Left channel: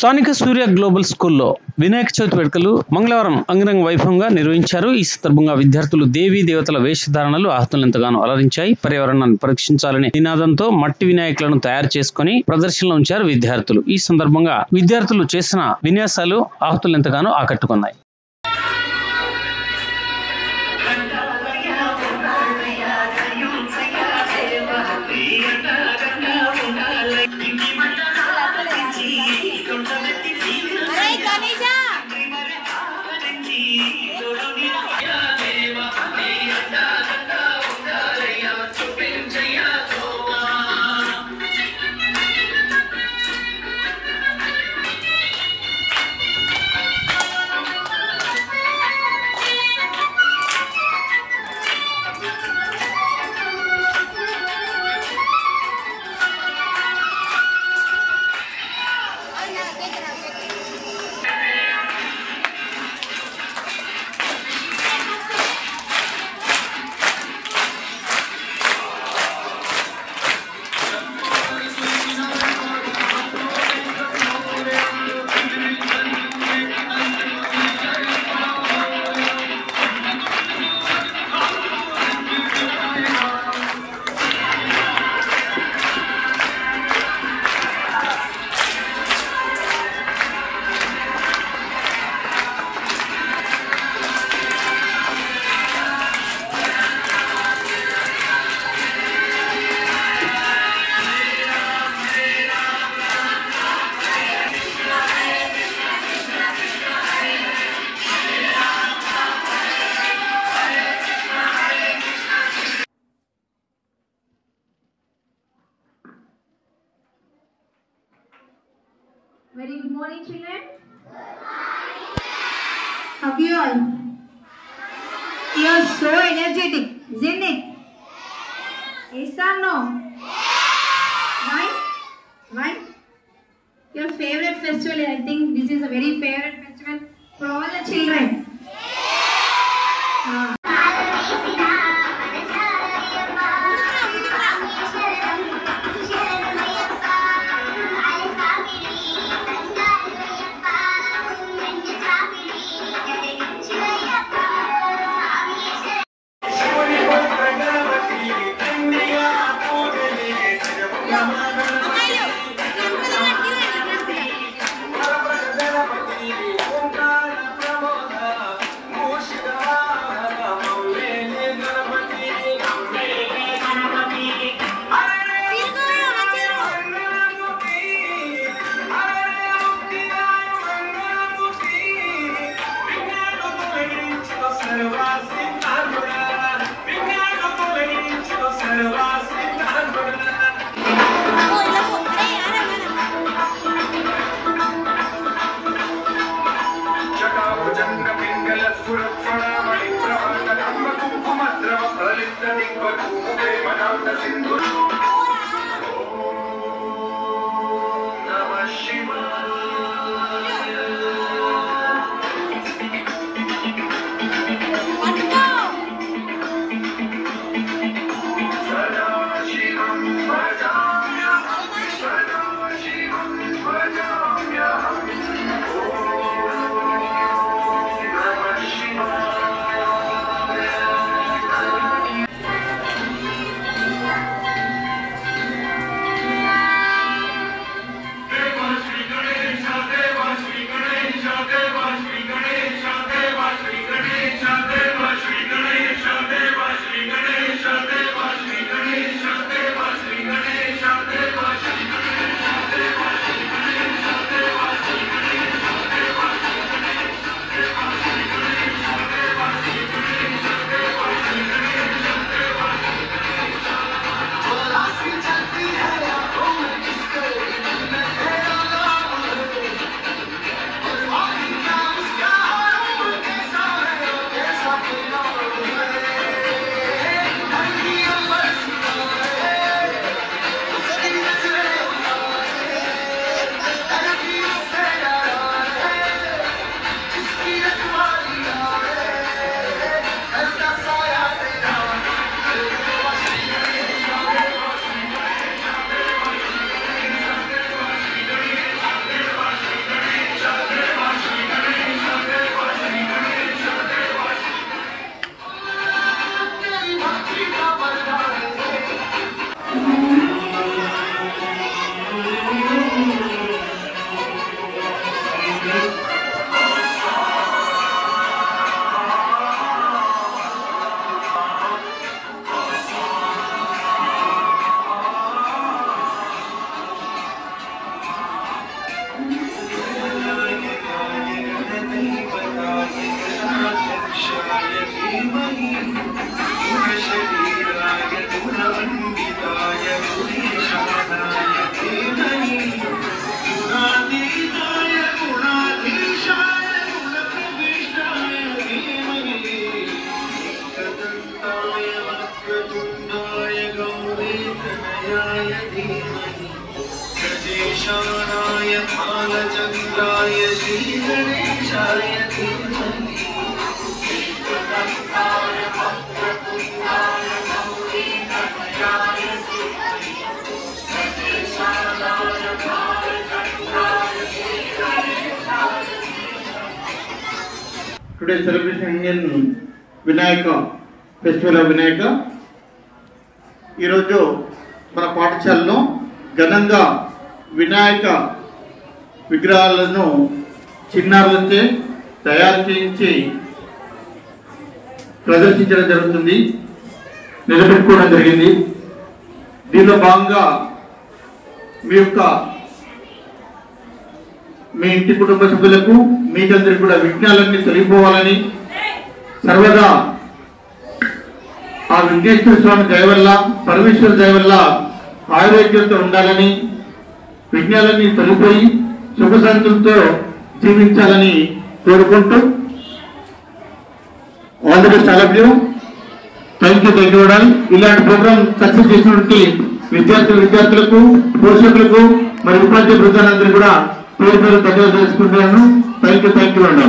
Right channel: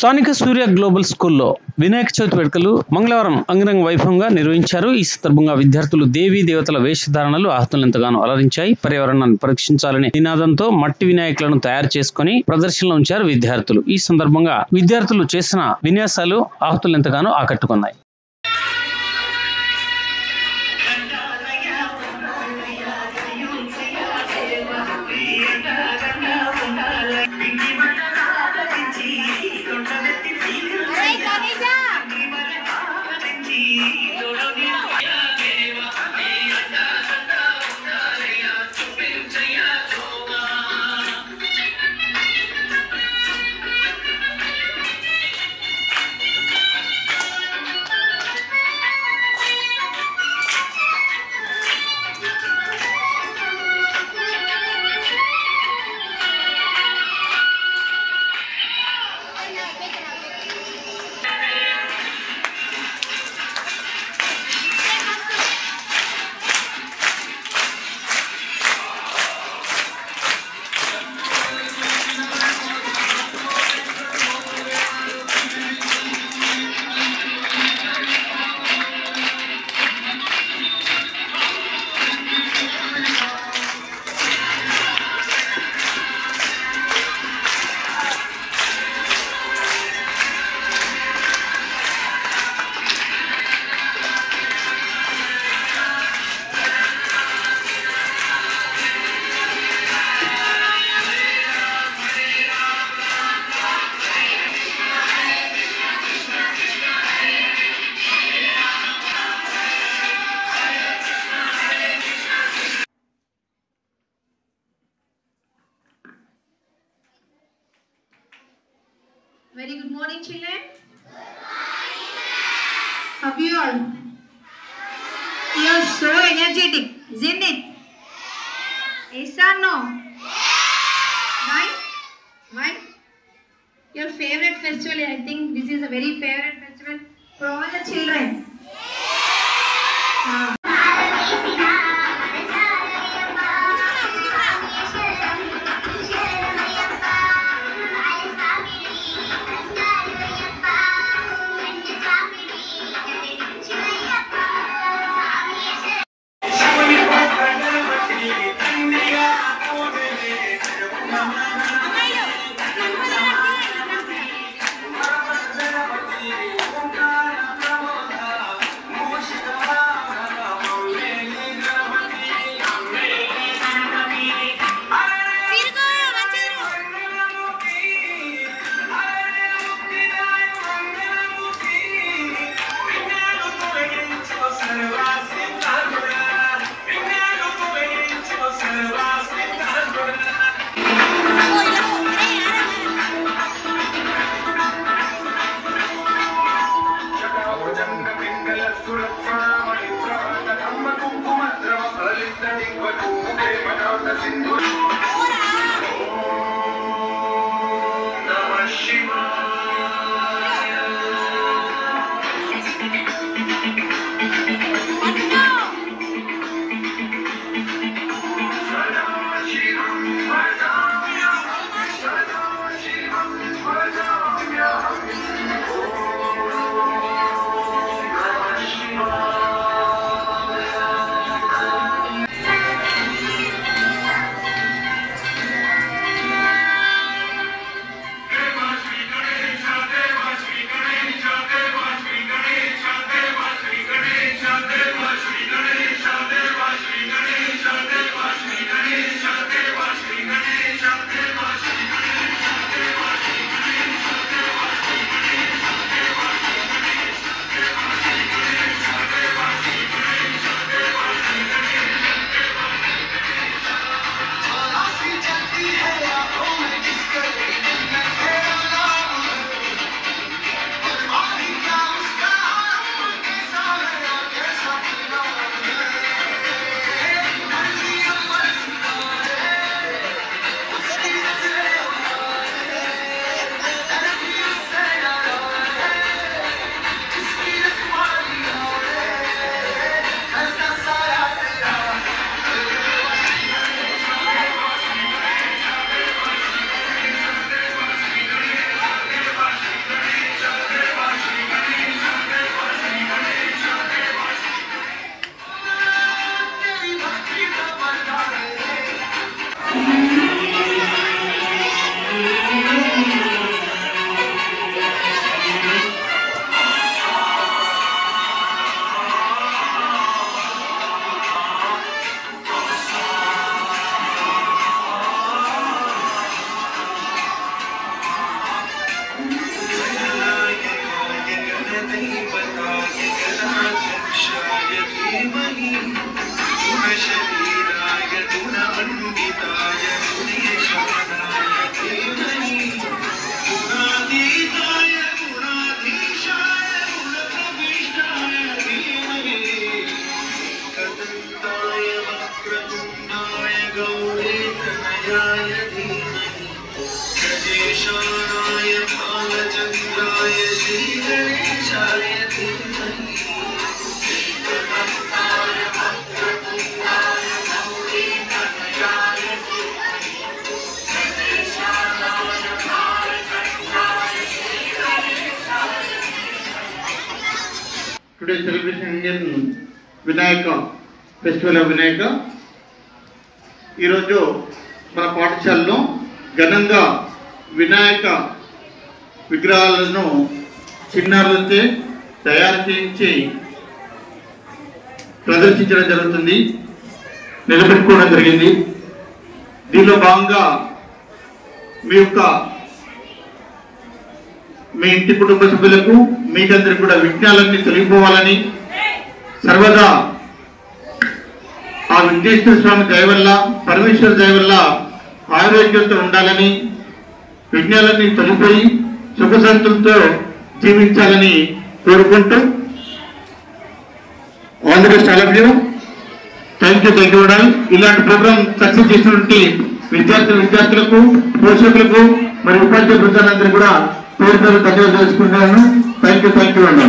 స్థానిక సూర్య గ్లోబల్ స్కూల్లో వినాయక చవితి వేడుకలు మంగళవారం అంగరంగ వైభవంగా నిర్వహించారు. ఈ సందర్భంగా విద్యార్థులు దేవీ దేవతల వేషధారణలు ఆహతులను ఎంతగానో అలరించాయి. పర్యావరణాన్ని పరీక్షించాలనే నినాదంతో మట్టి వినాయకులను తయారు చేసుకుని ప్రదర్శనలో ఉంచారు విద్యార్థులు. ఈ సందర్భంగా విద్యార్థులు చేసిన విన్యాసాలు ఆహతులను ఎంతగానో ఆకట్టుకున్నాయి. Very good morning, children. How are you all? You are so energetic, isn't it? Yes or no? Why? Why? Your favorite festival, I think this is a very favorite festival for all the children. Today celebration Indian Vinayaka Festival of Vinayaka. ఈ రోజు మన పాఠశాలలో ఘనంగా వినాయక విగ్రహాలను చిన్నారులచే తయారు చేయించి ప్రదర్శించడం జరుగుతుంది, నిలబెట్టుకోవడం జరిగింది. దీనిలో భాగంగా మీ ఇంటి కుటుంబ సభ్యులకు మీకందరికి కూడా విఘ్నాలన్నీ తొలగిపోవాలని, సర్వదా ఆ విఘ్నేశ్వర స్వామి దయ వల్ల, పరమేశ్వర దయ వల్ల ఆరోగ్యంతో ఉండాలని, విఘ్నాలన్నీ తొలగిపోయి సుఖశాంతులతో జీవించాలని కోరుకుంటూ all the best all of you. Thank you ఇలాంటి ప్రోగ్రామ్ సక్సెస్ చేసినటువంటి విద్యార్థులకు, పోషకులకు మరి ఉపాధ్యాయ బృందాలందరూ కూడా పేరు పేరు ధన్యవాదాలు తెలుసుకుంటున్నాను. థ్యాంక్ యూ అండి.